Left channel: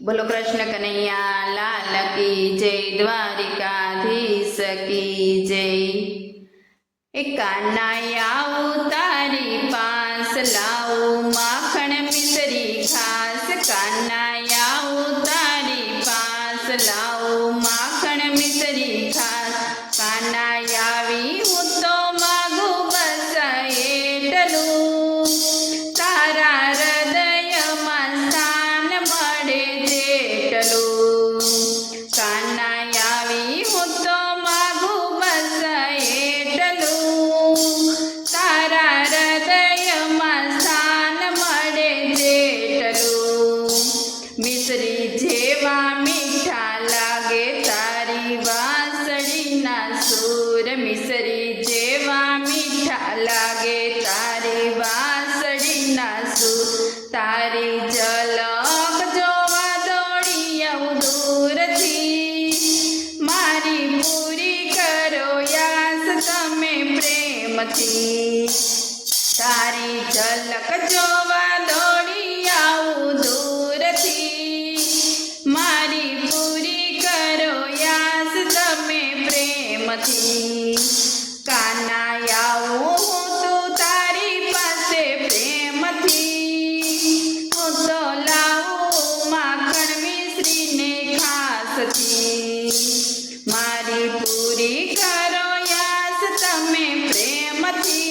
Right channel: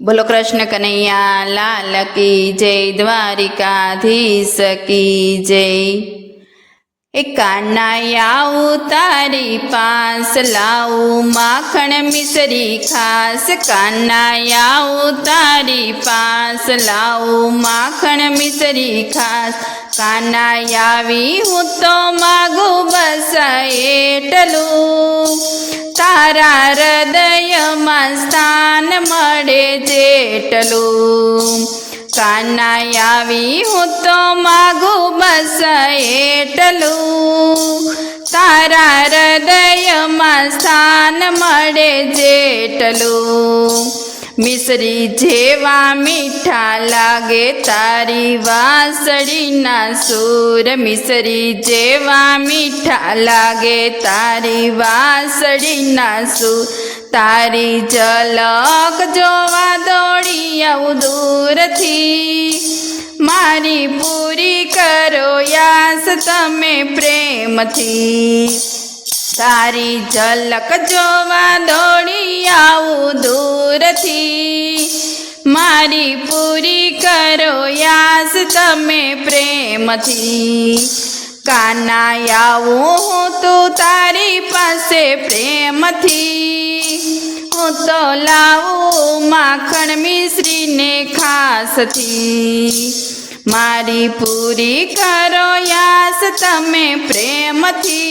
बोलो कृष्ण कन्हैया लाल की जय, द्वारिकाधीश की जय। कान्हैया तारी पास लाऊ माखण मिसरी खास, कान्हैया तारी पास लाऊ माखण मिसरी खास। कान्हैया हूँ तो मागू बस एटलू, तारा हृदय में स्थान मळे जेटलू। कान्हैया हूँ तो मागू बस एटलू, तारा हृदय में स्थान मळे जेटलू। मिसरी जेवा मीठा लागे तारी वासड़ी ना सूर, मिसरी जेवा मीठा लागे तारी वासड़ी ना सूर। तारी झलक जोवा दौड़ी आऊं दूर थी, मारी पूरी करो यास तमे प्रेम थी। तारी झलक जोवा दौड़ी आऊं दूर थी, मारी पूरी करो यास तमे प्रेम थी। कान्हैया हूँ तू तारी पासे प्रेम थी, हूँ तो लाऊ माखण मिश्री ने खास थी। मारी पूरी करो यास तमे प्रेम थी,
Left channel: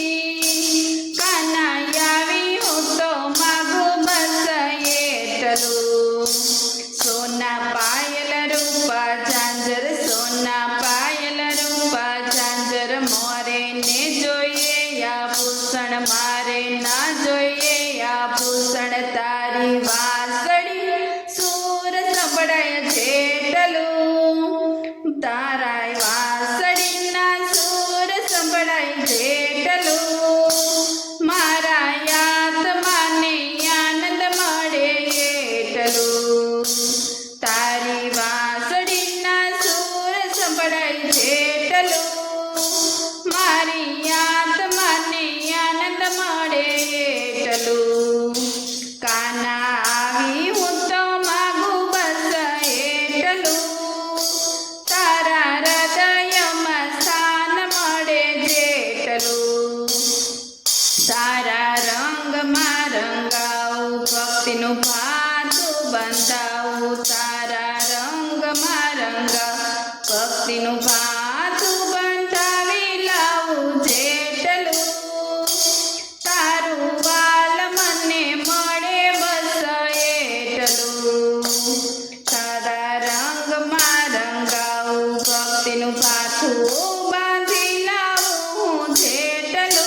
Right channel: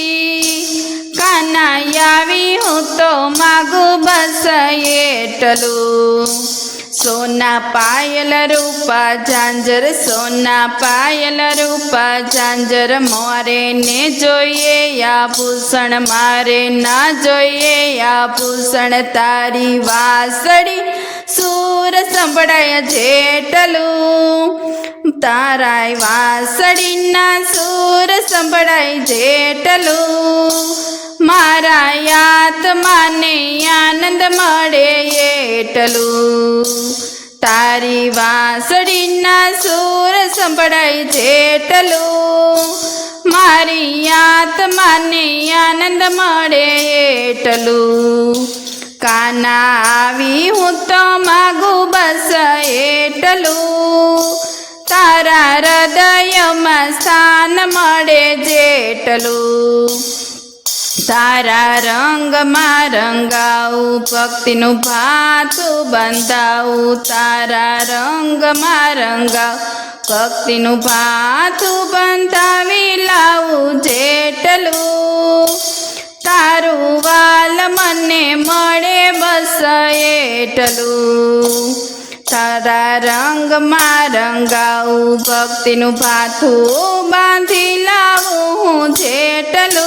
कान्हैया हूँ तो मागू बस एटलू। सोना पायल रूपा झांझर, सोना पायल रूपा झांझर, मोरे ने जोईए आभूषण मारे ना जोईए आभूषण। तारी वासड़ी सूर संभळाय जेटलू, तारा वासड़ी ना सूर संभळाय जेटलू। मारा आत्मा ने आनंद मळे एटलू, तारी वासड़ी ना सूर संभळाय जेटलू। मारी आत्मा ने आनंद मळे एटलू। कान्हा हूँ तो मागू बस एटलू, तारा हृदय में स्थान मळे जेटलू। तारा रंग में रंगाऊ भक्तिनु भातु बंधाऊ, तारा रंग में रंगाऊ भक्तिनु भातु बंधावी लाऊ जेटलू। तारू वाल मने मळे बस एटलू, तारा रंग में रंगाऊ भक्तिनु भाथू बांधी लाऊ जेटलू।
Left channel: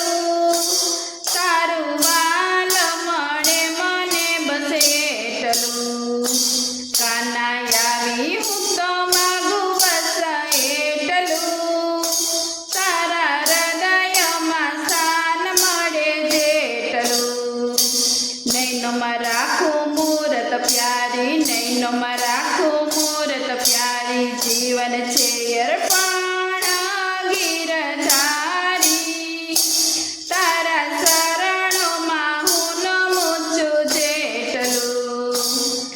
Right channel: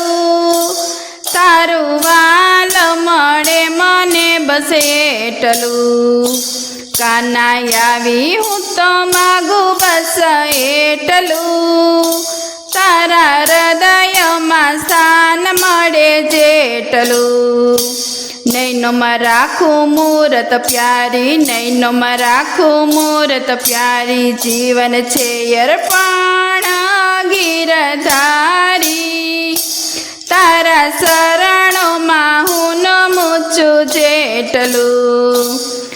तारू वाल मळे मने बस एटलू, कान्हैया हूँ तो मागू बस एटलू। तारा हृदय में स्थान मळे जेटलू। नैनो में राखू मूरत प्यारी, नैनो में राखू मूरत प्यारी, जीवन छे अर्पण गिरधारी। तारा शरणों में हूँ नमूचू जेटलू,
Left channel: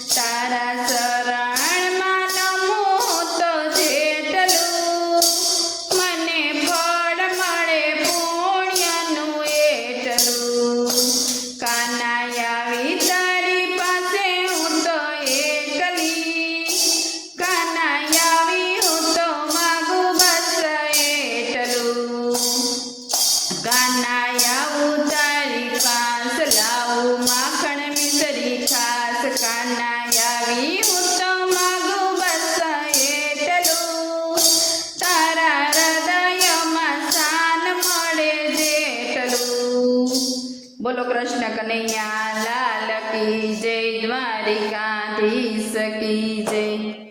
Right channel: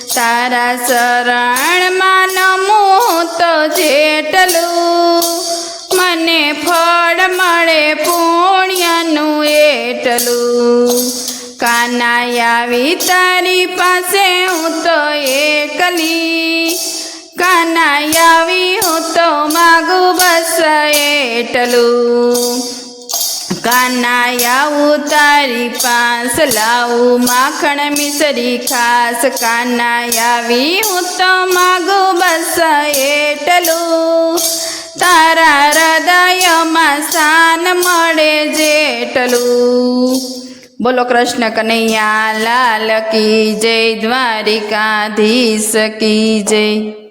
तारा शरण में नमूँ तो जेटलू। मने फल मळे पुण्यनु एटलू, कान्हैया तारी पासे हूँ तो एकली। कान्हैया हूँ तो मागू बस एटलू, कान्हैया तारी पास लाऊ माखण मिसरी खास। कान्हैया हूँ तो मागू बस एटलू, तारा हृदय में स्थान मळे जेटलू। बोलो कृष्ण कन्हैया लाल की जय, द्वारिकाधीश की जय।